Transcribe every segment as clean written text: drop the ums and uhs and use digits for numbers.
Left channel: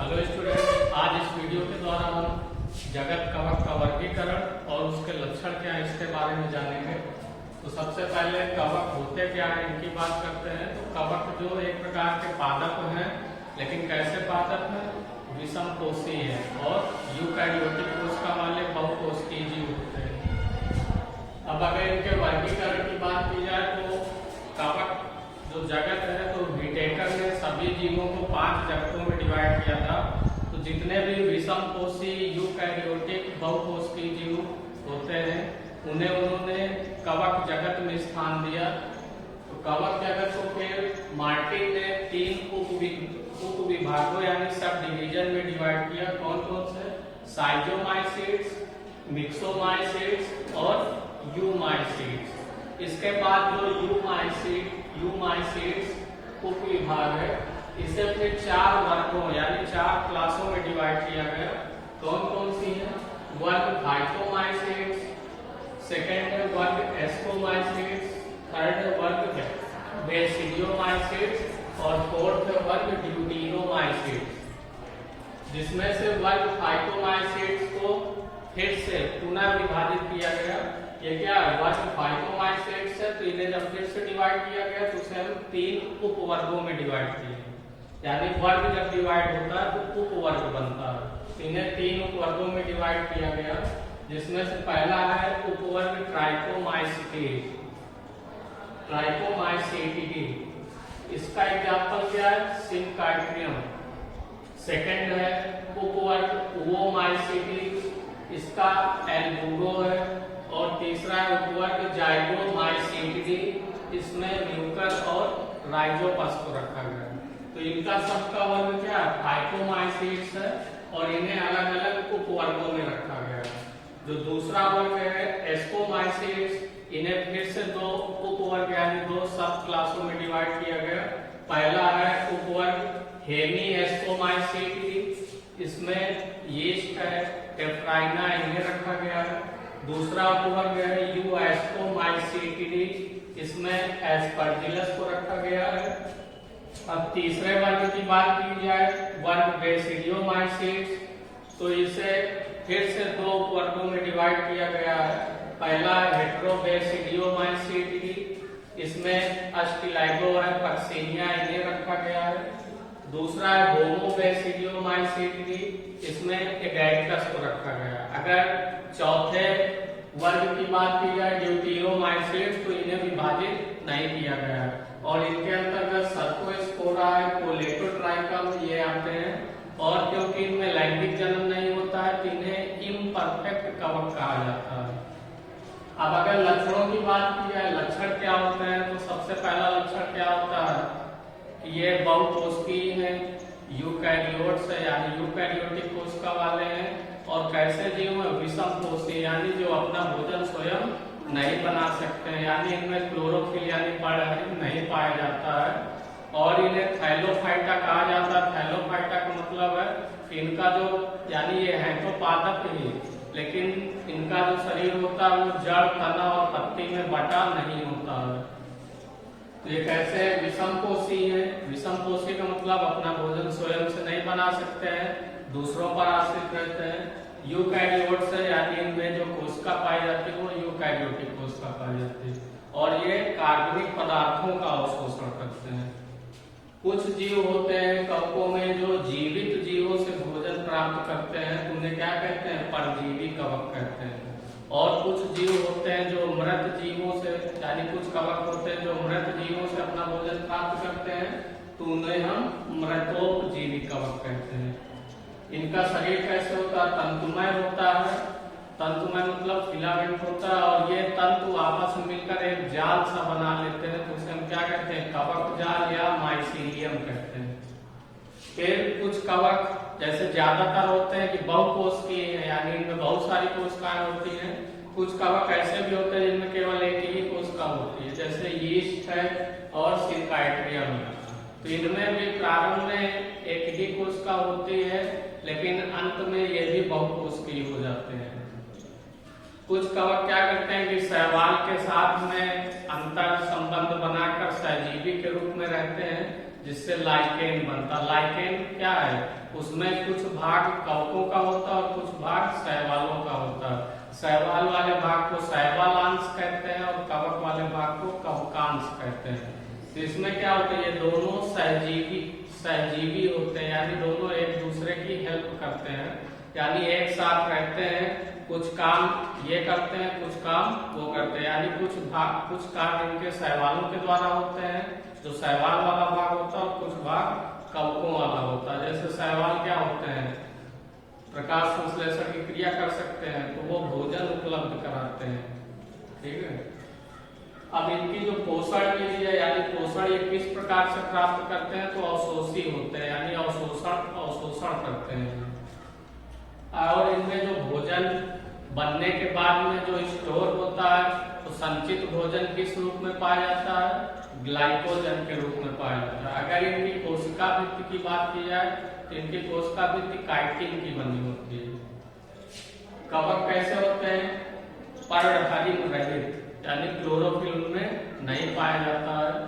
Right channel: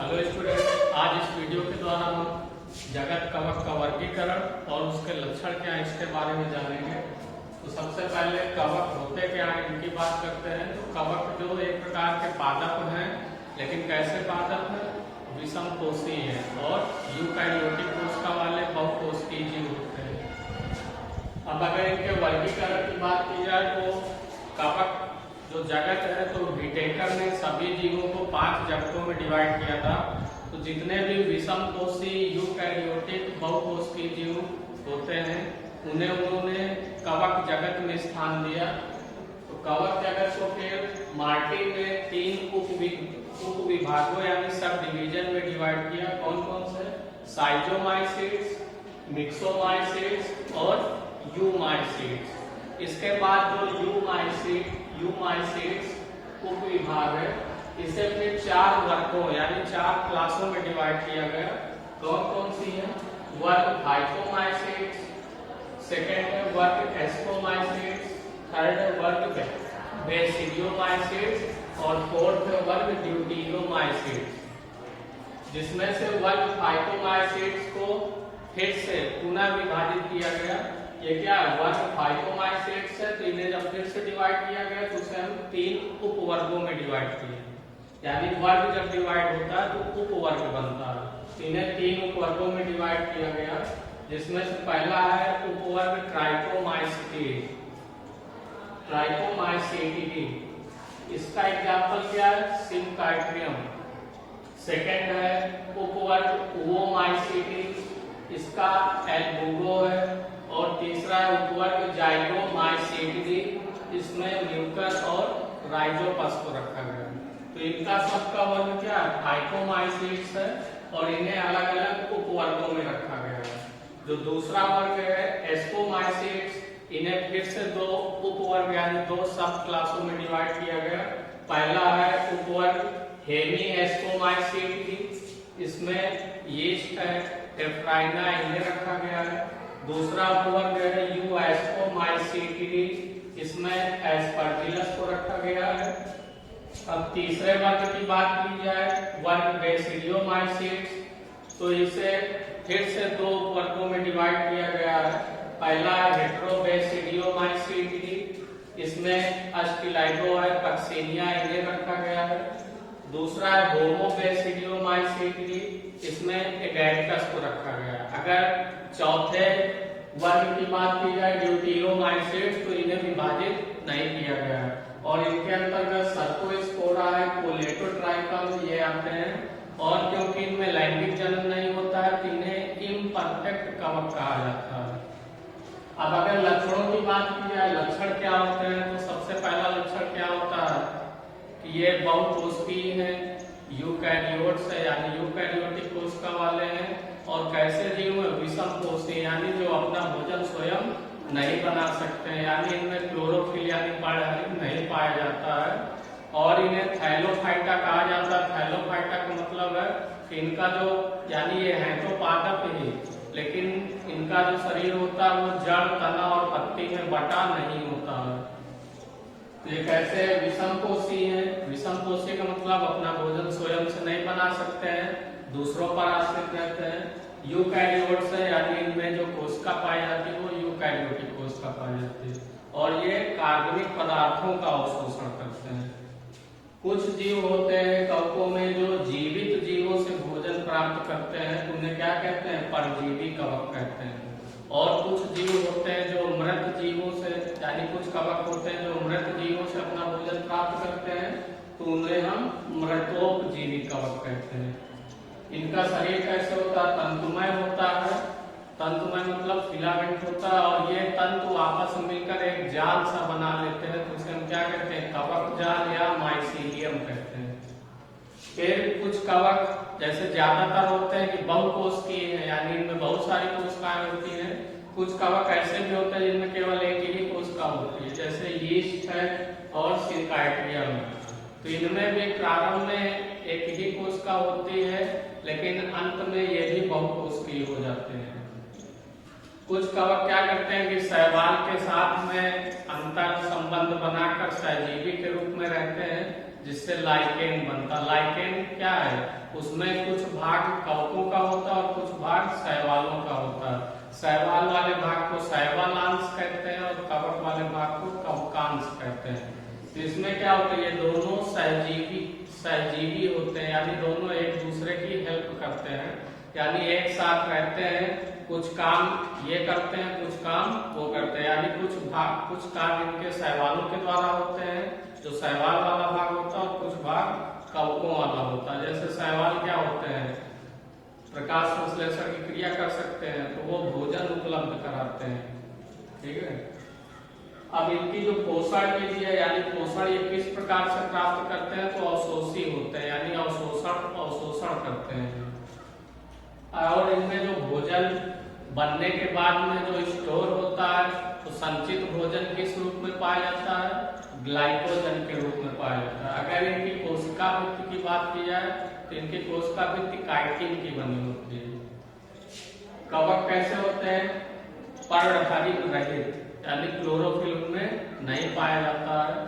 Hello student, आज इस video के द्वारा हम जगत कवक का वर्गीकरण और उसके लक्षण क्या है इसके बारे में जानेंगे। तो सबसे पहले कवक होते क्या है इनकी बात करते हैं। तो कवक जो एक प्रकार के पादप हैं, लेकिन कैसे पादप हैं? विषम कोषीय है और यूकैरियोटिक कोशिका वाले बहुकोशिकीय जीव होते हैं। अब अगर इनके वर्गीकरण की बात की जाए तो कवक जो जगत है, तो विटेकर ने सभी जीवों को 5 जगतों में डिवाइड किया था। तो जितने भी विषम कोषीय यूकैरियोटिक बहुकोशिकीय जीव होते हैं उन्हें उन्होंने कवक जगत में स्थान दिया। तो कवक जगत को फिर मार्टिन ने 3 उप विभागों यानी सब डिवीजन में डिवाइड किया। कौन कौन से? साइजोमाइसीड्स, मिक्सोमाइसीड्स और यूमाइसीड्स। इसके बाद जो यूमाइसीड्स उप विभाग है, इसे फिर 4 वर्गों यानी 4 क्लासों में डिवाइड किया गया। कौन कौन सी है? वर्ग फाइटोमाइसीड्स, सेकेंड है वर्ग एस्कोमाइसीड्स, थर्ड है वर्ग बेसिडियोमाइसीड्स और फोर्थ है वर्ग ड्यूटेरोमाइसीड्स। जिसमें से वर्ग फाइटोमाइसीड्स को फिर से पुनः विभाजित किया गया। ये क्या वर्ग फाइटोमाइसीड्स है, तो इन्हें जब फिर से डिवाइड किया गया तो उसे हम 3 उप वर्गों में डिवाइड किए। यानी वर्ग जब डिवाइड होता है तो उप वर्ग बनता है। तो इन्हें 3 उप वर्गों में डिवाइड किया गया, जिसमें से पहला है उपवर्ग ट्राइकोमाइसीटिडी। इसका एग्जाम्पल क्या है? सिम्काइट्रियम। सेकेंड है उपवर्ग ओओमाइसीटिडी, इसका एल्बुगो है। और तीसरा है उपवर्ग जाइगोमाइसीटिडी, इसमें म्यूकस और राइजोपस को रखा गया है। तो इनका सबका वर्ग क्या है? फाइटोमाइसीड्स है और इन्हें अलग अलग उपवर्गों में रखा गया है। जो दूसरा वर्ग है एस्कोमाइसीड्स, इन्हें फिर से 2 उपवर्ग यानी 2 सब क्लासों में डिवाइड किया गया। पहला है उपवर्ग हेमी एस्कोमाइसीटिडी, इसमें यीस्ट है, टेफ्राइना इन्हें रखा गया है। दूसरा उपवर्ग है यू एस्कोमाइसीटिडी, इसमें एस्परजिलस को रखा गया है। अब तीसरे वर्ग की बात की जाए वर्ग बेसिडियोमाइसीड्स, तो इसे फिर से 2 वर्गों में डिवाइड किया गया है। पहला है हेट्रोबेसिडियोमाइसीटिडी, इसमें अस्टिलाइगो है, पक्सेनिया इन्हें रखा गया है। दूसरा है होमोबेसिडियोमाइसीटिडी, इसमें एगैरिकस को रखा गया। अगर चौथे वर्ग की बात की जाए ड्यूटेरोमाइसीड्स, तो इन्हें विभाजित नहीं किया गया है और इनके अंतर्गत सर्कोस्पोरा है, कोलेटोट्राइकम ये आते हैं। और क्योंकि इनमें लैंगिक जन्म नहीं होता है तो इन्हें इम्परफेक्ट कवक कहा जाता है। अब अगर लक्षणों की बात की जाए, लक्षण क्या होते हैं, तो सबसे पहला लक्षण क्या होता है कि ये बहुकोशिकीय हैं, यूकैरियोट्स है यानी यूकैरियोटिक कोशिका वाले हैं। और कैसे जीव है? विषम कोषीय यानी जो अपना भोजन स्वयं नहीं बना सकते हैं, यानी इनमें क्लोरोफिल यानी बारहरी नहीं पाया जाता है। और इन्हें थैलोफाइटा कहा जाता है। थैलोफाइटा का मतलब है कि इनका जो यानी ये है तो पादप ही, लेकिन इनका जो शरीर होता है वो जड़, तना और पत्ती में बटा नहीं होता है। तो ये कैसे विषम कोषीय है? विषम कोषीय का मतलब अपना भोजन स्वयं से नहीं बना सकते हैं, दूसरों पर आश्रित रहते हैं। यूकैरियोट्स है यानी इनमें जो कोशिका पाई जाती है वो यूकैरियोटिक कोशिका पाई जाती है और ये कार्बनिक पदार्थों का अवशोषण करते हैं। कुछ जीव होते हैं कवकों में जो जीवित जीवों से भोजन प्राप्त करते हैं, तो उन्हें क्या कहते हैं? परजीवी कवक कहते हैं। और कुछ जीव होते हैं जो मृत जीवों से यानी कुछ कवक होते हैं जो मृत जीवों से अपना भोजन प्राप्त करते हैं, तो उन्हें हम मृतोपजीवी कवक कहते हैं। इनका शरीर कैसे होता है? तंतुमय होता है। तंतुमय मतलब फिलामेंट होता है और ये तंतु आपस में मिलकर एक जाल सा बना लेते हैं, तो उसे हम क्या कहते हैं? कवक जाल या माइसीलियम कहते हैं। फिर कुछ कवक जैसे ज्यादातर होते हैं कि बहुकोशिकीय है यानी इनमें बहुत सारी कोशिकाएं होती हैं। कुछ कवक ऐसे भी होते हैं जिनमें केवल एक ही कोशिका होती है, जैसे यीस्ट है और सिम्काइट्रियम है। तो इनमें भी प्रारंभ में एक ही कोशिका होती है, लेकिन अंत में ये भी बहुकोशिकीय हो जाते हैं। कुछ कवक क्या करते हैं कि शैवाल के साथ में अंतर संबंध बनाकर सहजीवी के रूप में रहते हैं, जिससे लाइकेन बनता। लाइकेन क्या है, उसमें कुछ भाग कवकों का होता है और कुछ भाग शैवालों का होता है। शैवाल वाले भाग को शैवालांश कहते हैं और कवक वाले भाग को कवकांश कहते हैं। तो इसमें क्या होता है, ये दोनों सहजीवी होते हैं, यानी दोनों एक दूसरे की हेल्प करते हैं, यानी एक साथ रहते हैं, कुछ काम ये करते हैं, कुछ काम वो करते हैं, यानी कुछ काम इनके शैवालों के द्वारा होते हैं, जो शैवाल वाला भाग होता है, और कुछ भाग कवकों वाला होता है। जैसे शैवाल क्या होते हैं, प्रकाश संश्लेषण की क्रिया कर सकते हैं, तो वो भोजन उपलब्ध कराते हैं। ठीक है, अब इनकी जो पोषण विधि है, यानी पोषण ये किस प्रकार से प्राप्त करते हैं, तो अवशोषी होते हैं, यानी अवशोषण करते हैं। और इनमें जो भोजन बनने के बाद में जो स्टोर होता है, तो संचित भोजन किस रूप में पाया जाता है, ग्लाइकोजन के रूप में पाया जाता है। अगर इनकी कोशिका भित्ति की बात की जाए, तो इनकी कोशिका भित्ति काइटिन की बनी होती है। कवक कैसे होते हैं, पर्णहरित रहित, यानी क्लोरोफिल उनमें नहीं पाया जाता है।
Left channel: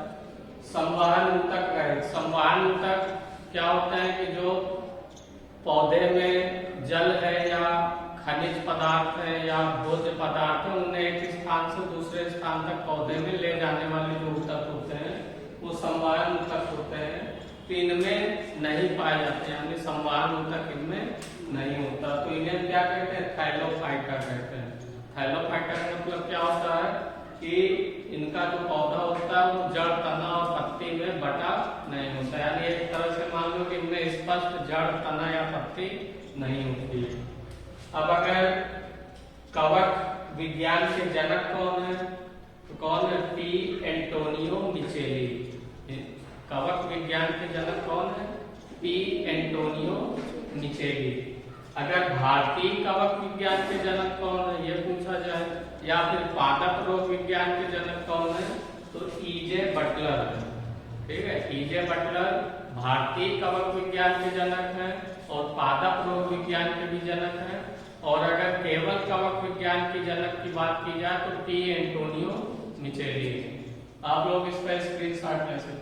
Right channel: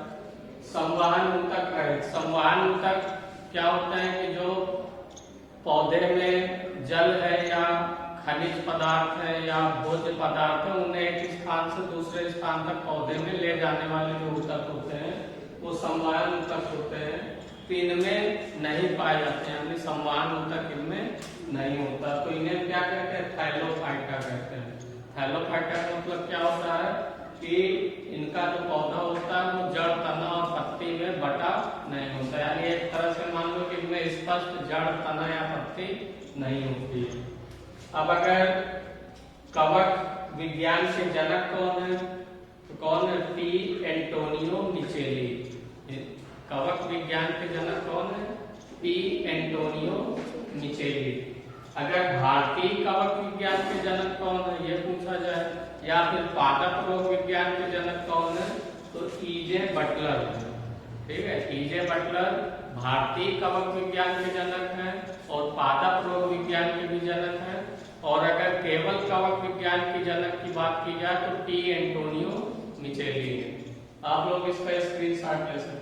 संवहन ऊतक रहित। संवहन ऊतक क्या होता है कि जो पौधे में जल है या खनिज पदार्थ है या भोज्य पदार्थ है, उन्हें एक स्थान से दूसरे स्थान तक पौधे में ले जाने वाले जो ऊतक होते हैं, वो संवहन ऊतक होते हैं। तो इनमें नहीं पाए जाते हैं, यानी संवहन ऊतक इनमें नहीं होता, तो इन्हें क्या कहते हैं, थैलोफाइटा कहते हैं। थैलोफाइटा का मतलब क्या होता है कि इनका जो पौधा होता है वो जड़, तना और पत्ती में बटा नहीं होता, यानी एक तरह से मान लो कि इनमें स्पष्ट जड़, तना या पत्ती नहीं होती है। अब अगर कवक विज्ञान के जनक कौन है, तो कौन है, टी एंटोनियो मिचेली। कवक विज्ञान के जनक कौन है, पी एंटोनियो मिचेली। अगर भारतीय कवक विज्ञान के जनक कौन है, ये पूछा जाए, या फिर पादप रोग विज्ञान के जनक कौन है, तो ईजे बटलर है। ठीक है, ईजे बटलर भारतीय कवक विज्ञान के जनक हैं और पादप रोग विज्ञान के भी जनक हैं। और अगर केवल कवक विज्ञान के जनक की बात की जाए, तो टी एंटोनियो मिचेली है। आप लोग इसका स्क्रीनशॉट ले सकते हैं।